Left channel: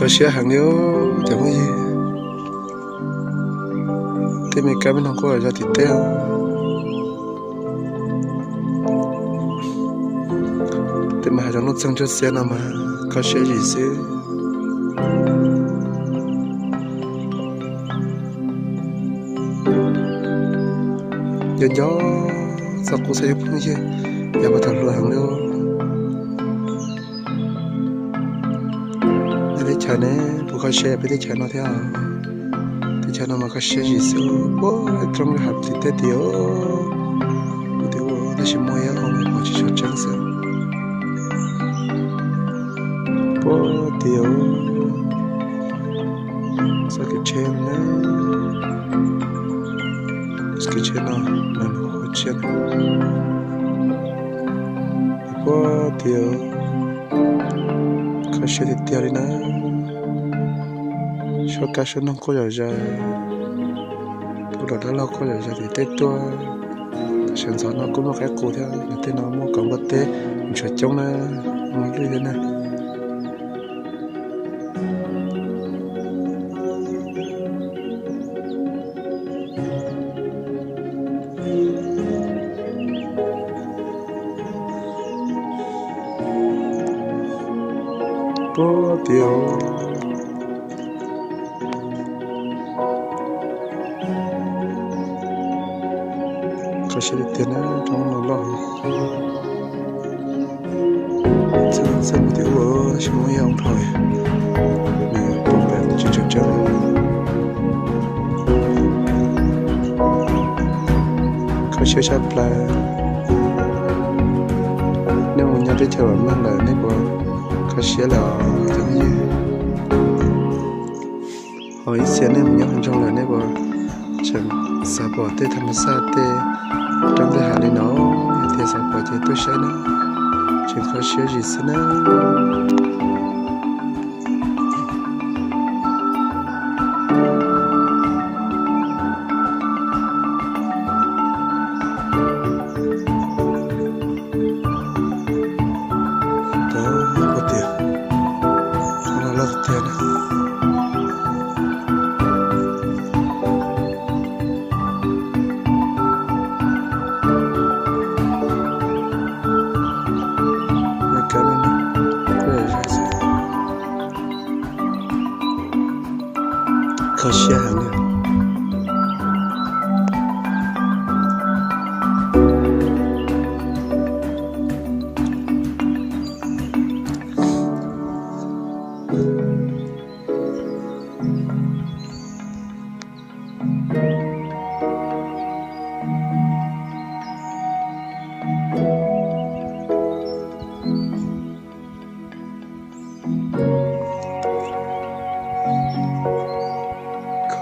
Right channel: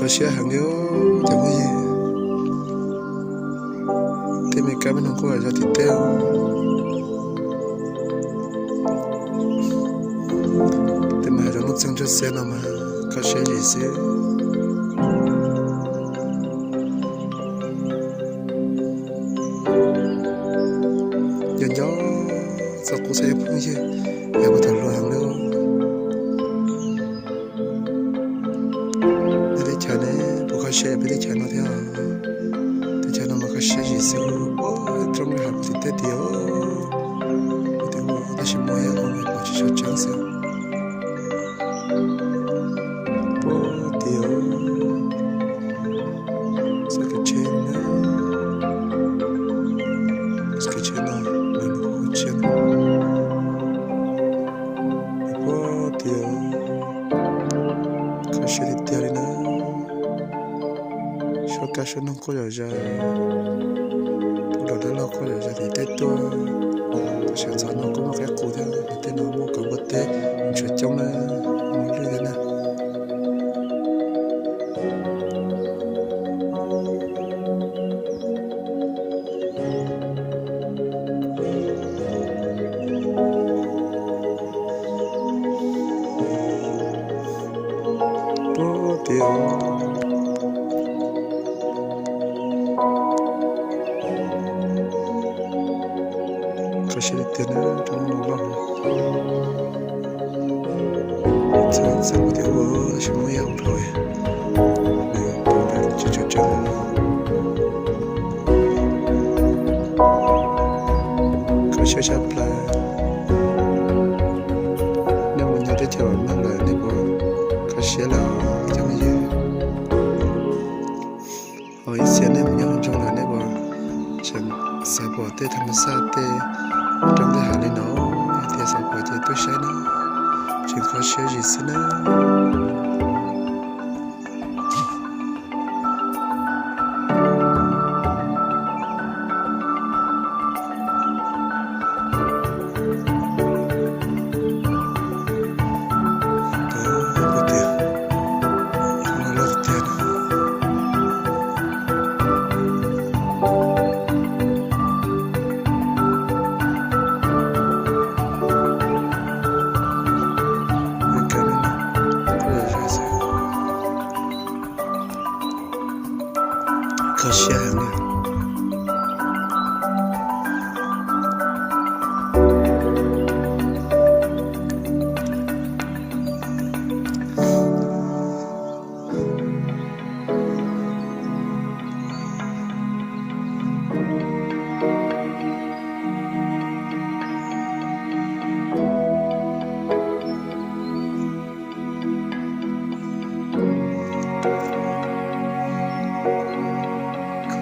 có xe hàng liêu chẳng có gì thì mình cái bên không có ra thịt teo thì mà trong lúc sang cho xe nào mà có xe gì xe giờ gió sao cũng sẽ phun chứ giờ có thằng lừa hàng liêu chả này bố cái xe bây giờ chả nó theo thì chả nó mà cái xe gì xíu bố trong cái hộp thì tết tiêu nó chỉ mua ya không có chỉ cho trắng sao bố tiêu sẽ cái trên nữa cái trên nó mình có trên bố tiêu cái xe thì tiêu đi nữa cho cá sấu nó có ra tôi đã lâu có ra thì tết tôi sản xuất nó có một cái cụ thể là tết nó mua có một tết chuyện trong nó như thế này bố tiêu có sẽ tiền nó trong nó lo sẽ một điều ở trong mỗi ông thôi mình cũng phải chỉ cho có sẽ sắp lại nếu mình nhớ đến thời mang lại nên bỏ có sẽ là thằng gì hỏi xem nếu mình nhớ trong lại nên bỏ chẳng sao bỏ tới thằng sao tới trong cái hàng đi nó thì sao bỏ thì tôi sẽ nó chẳng có sự gì xin nó可惜还没有。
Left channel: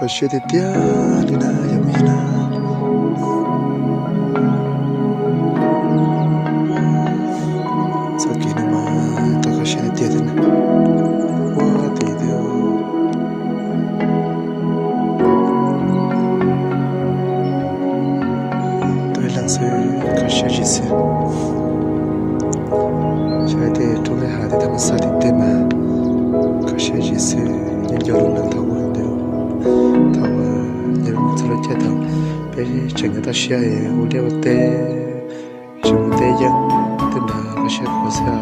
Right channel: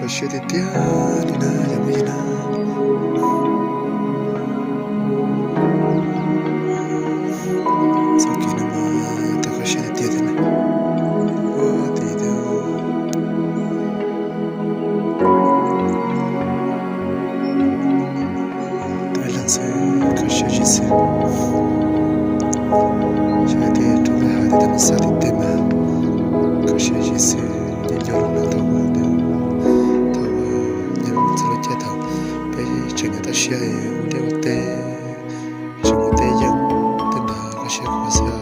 可惜的掉的那也没了，早给你嘛，都可惜的掉的呢，我的掉，对了是可惜的是，现在都在海的他们沙的对嘛，可惜的是你叫人来讨我的。chuyện người ta share ở đây ở đây chuyện người ta dân tên là có share của sao